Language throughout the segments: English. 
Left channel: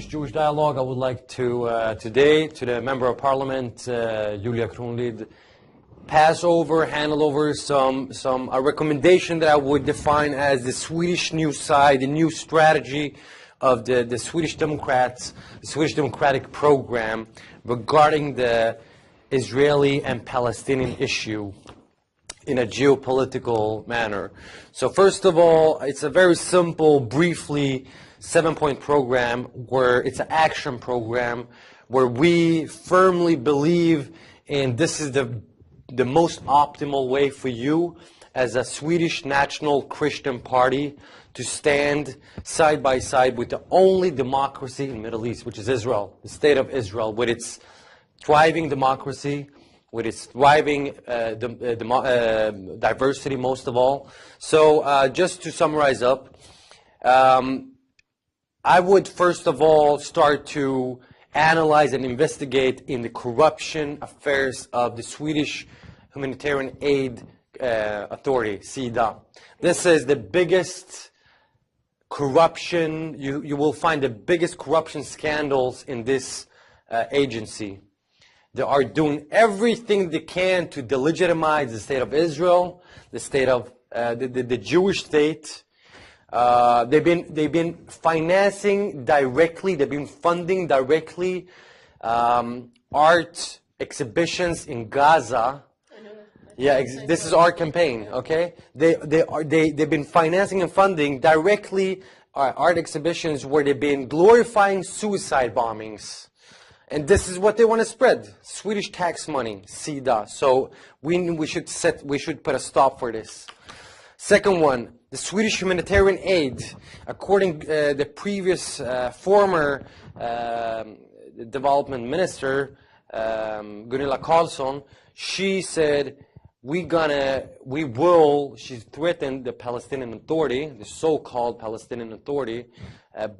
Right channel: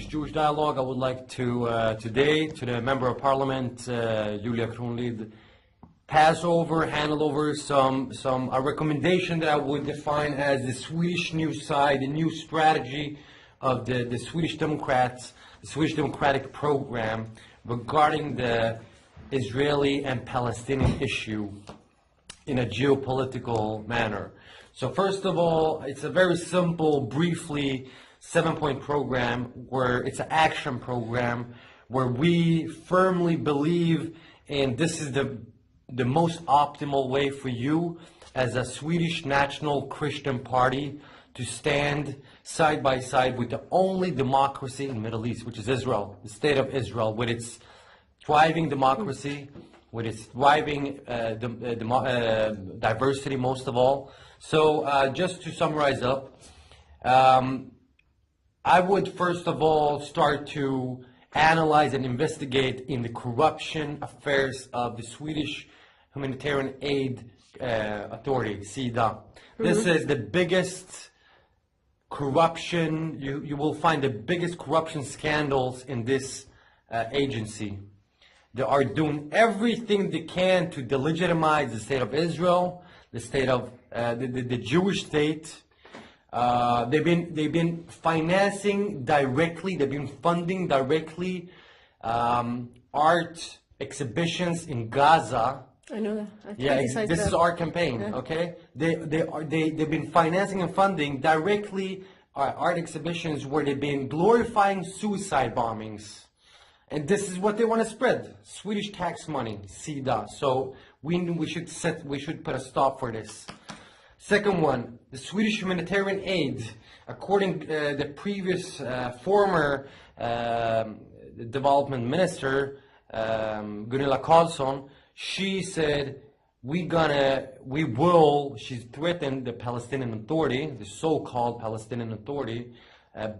Swedish-Jewish dialogue. I would like to today, to the Member of Parliament, Julia Kronlid, hand over some a recommendation that I would define as the Swedish new side, the new strategy of the Swedish Democrats, the Swedish Democratic program regarding the Israeli and Palestinian issue in a geopolitical manner. So first of all, it's a very simple, briefly, 7-point program where it's an action program where we firmly believe in this is the most optimal way for you as a Swedish National Christian Party to stand side by side with the only democracy in the Middle East, which is Israel, the state of Israel, with its thriving democracy, with its thriving diversity most of all. So just to summarize up, I would first of all start to analyze and investigate in the corruption affairs of the Swedish Humanitarian Aid Authority, SIDA. This is the biggest corruption, you will find the biggest corruption scandals in this agency. They are doing everything they can to delegitimize the state of Israel, the state of the Jewish state. They've been financing directly. They've been funding directly art exhibitions in Gaza. I know that. This is our campaign. Yeah. Okay, they've been financing and funding directly art exhibitions where they've been glorifying suicide bombings. And this is what they want to spread: Swedish tax money, SIDA. So we should put a stop for this. Second one, the Swedish humanitarian aid. According to the previous former development minister, Gunilla Carlsson, she said she threatened the Palestinian Authority, the so-called Palestinian Authority,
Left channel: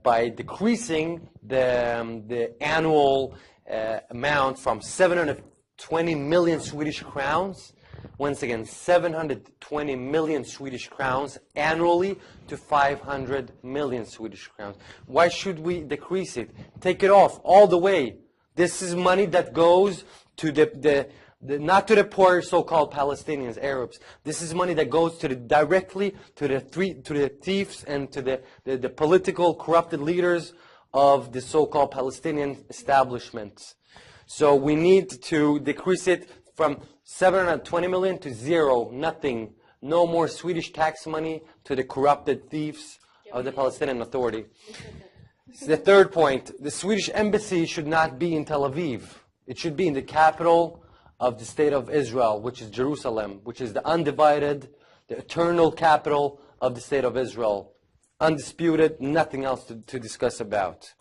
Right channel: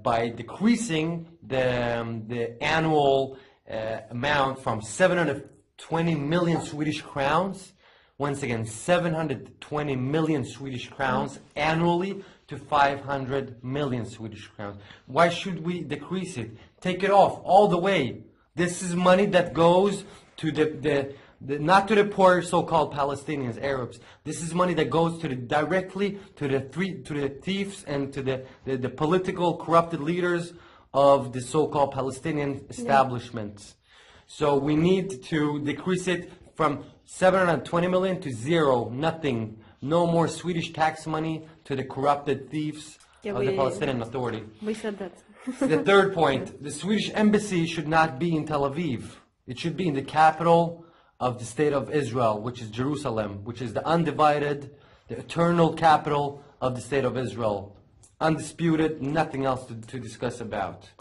by decreasing the annual amount from 720 million Swedish crowns, once again 720 million Swedish crowns annually, to 500 million Swedish crowns. Why should we decrease it? Take it off all the way. This is money that goes to not to the poor so-called Palestinians, Arabs. This is money that goes directly to the thieves and to the political corrupted leaders of the so-called Palestinian establishments. So we need to decrease it from 720 million to zero, nothing. No more Swedish tax money to the corrupted thieves of the Palestinian Authority. We said that. The third point, the Swedish embassy should not be in Tel Aviv. It should be in the capital of the state of Israel, which is Jerusalem, which is the undivided, the eternal capital of the state of Israel. Undisputed, nothing else to discuss about.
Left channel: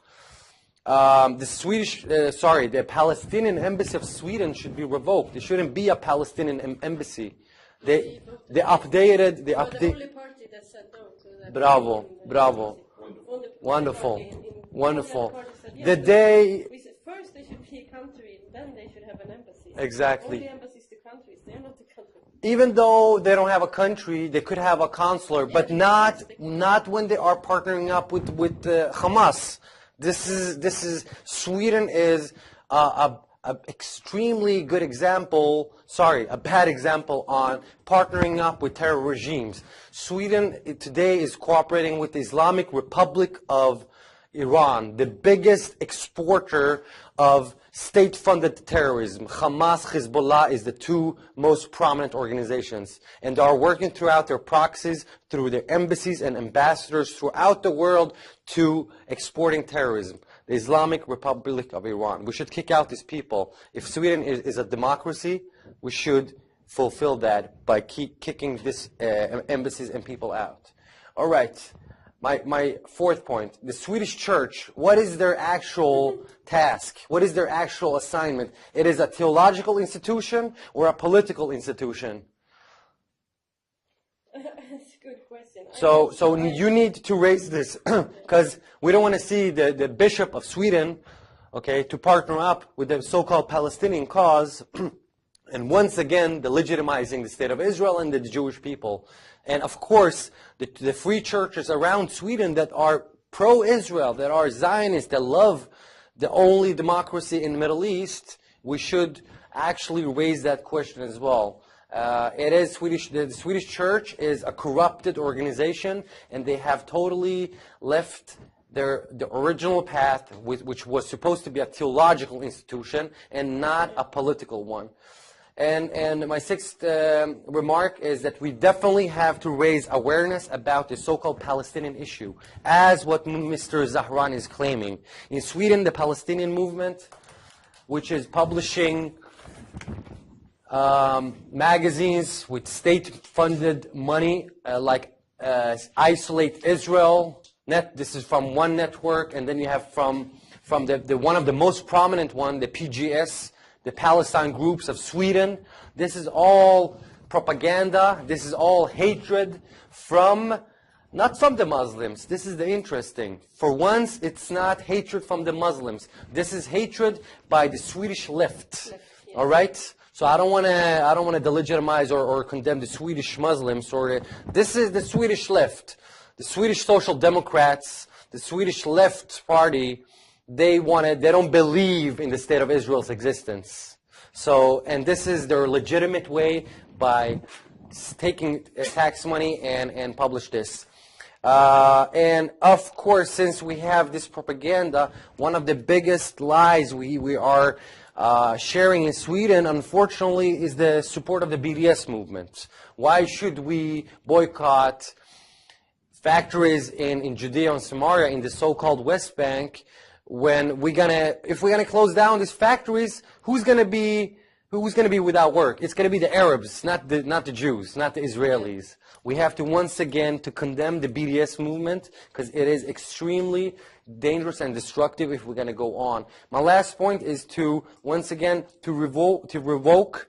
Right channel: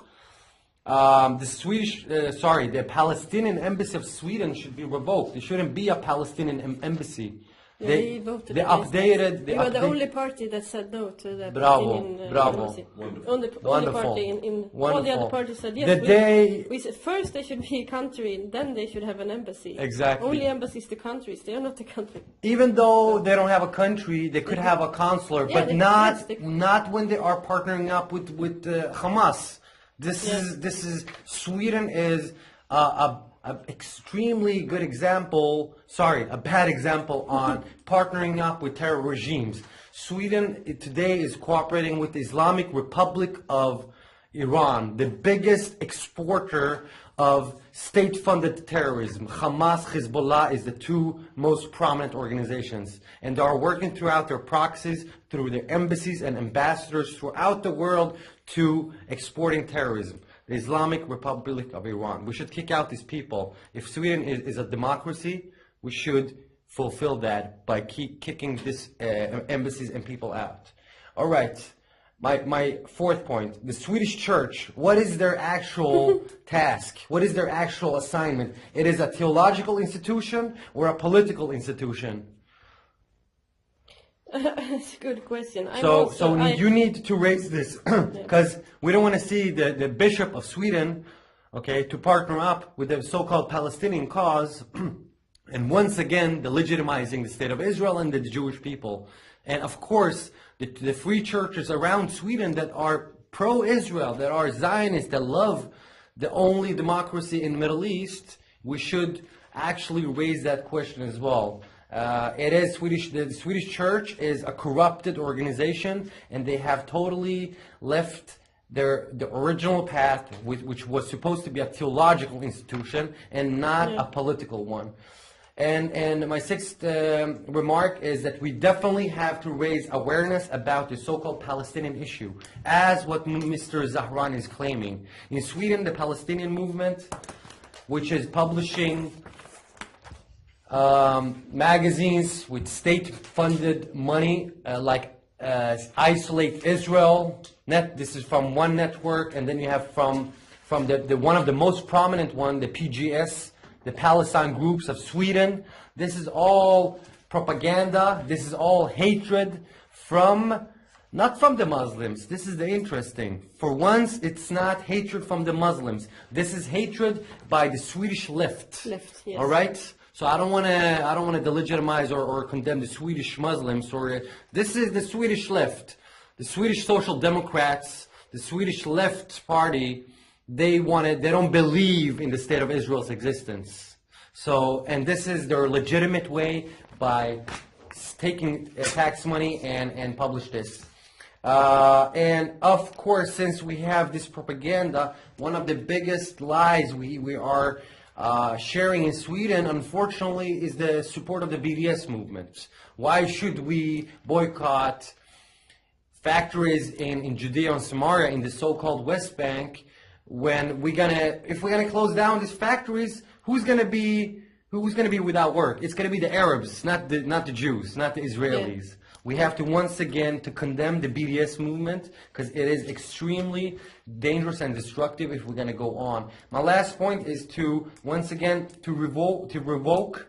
The Palestinian embassy of Sweden should be revoked. There shouldn't be a Palestinian embassy. They voted. They updated. They were the only party that said no to the Bravo. embassy. Only Wonderful. party in Wonderful. all the other parties said yes. We said first they should be a country, and then they should have an embassy. Exactly. Only embassies to countries. They are not a country. Even though they don't have a country, they could have a consular, but not when they are partnering up with Hamas. This is Sweden is a extremely good example, a bad example on partnering up with terror regimes. Sweden today is cooperating with the Islamic Republic of Iran, the biggest exporter of state-funded terrorism. Hamas, Hezbollah is the two most prominent organizations, and they are working throughout their proxies, through their embassies and ambassadors throughout the world to exporting terrorism. The Islamic Republic of Iran. We should kick out these people. If Sweden is a democracy, we should fulfill that by kicking these embassies and people out. All right. My fourth point, the Swedish church, what is their actual task? What is their actual assignment? It is a theological institution or a political institution? That's a good question. You need to raise this because we don't want to see the Bishop of Sweden, to partner up with the so-called Palestinian cause and once again legitimizing the state of Israel and the Jewish people. And of course, the free churches around Sweden that are pro-Israel, that are Zionists, that love the only democracy in the Middle East, we should actually raise that question as well. It is Swedish. The Swedish church is a corrupted organization, and they have totally left the original path, which was supposed to be a theological institution and not a political one. And my sixth remark is that we definitely have to raise awareness about the so-called Palestinian issue, as what Mr. Zahran is claiming. In Sweden, the Palestinian movement, which is publishing magazines with state-funded money, like Isolate Israel. This is from one network, and then you have from the one of the most prominent one, the PGS, the Palestine Groups of Sweden. This is all propaganda. This is all hatred not from the Muslims. This is the interesting. For once, it's not hatred from the Muslims. This is hatred by the Swedish left. Yes. All right. So I don't want to delegitimize or condemn the Swedish Muslims. This is the Swedish left, the Swedish Social Democrats, the Swedish Left Party. They don't believe in the state of Israel's existence. So, and this is their legitimate way by taking tax money and publish this. And of course, since we have this propaganda, one of the biggest lies we are sharing in Sweden, unfortunately, is the support of the BDS movement. Why should we boycott factories in Judea and Samaria, in the so-called West Bank, when if we're gonna close down these factories, who's gonna be without work? It's gonna be the Arabs, not the Jews, not the Israelis. Yeah. We have to once again to condemn the BDS movement, because it is extremely dangerous and destructive if we're going to go on. My last point is to once again to revoke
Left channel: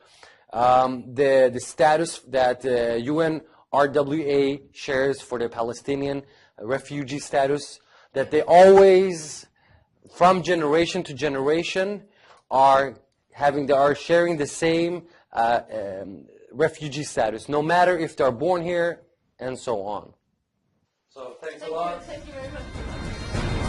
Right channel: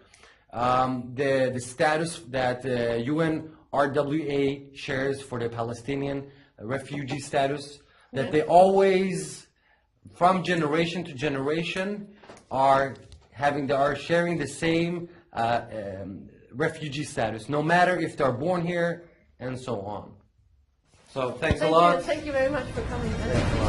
the status that UNRWA shares for the Palestinian refugee status, that they always, from generation to generation, are sharing the same refugee status, no matter if they're born here, and so on. So thanks a lot. Thank you very much for coming.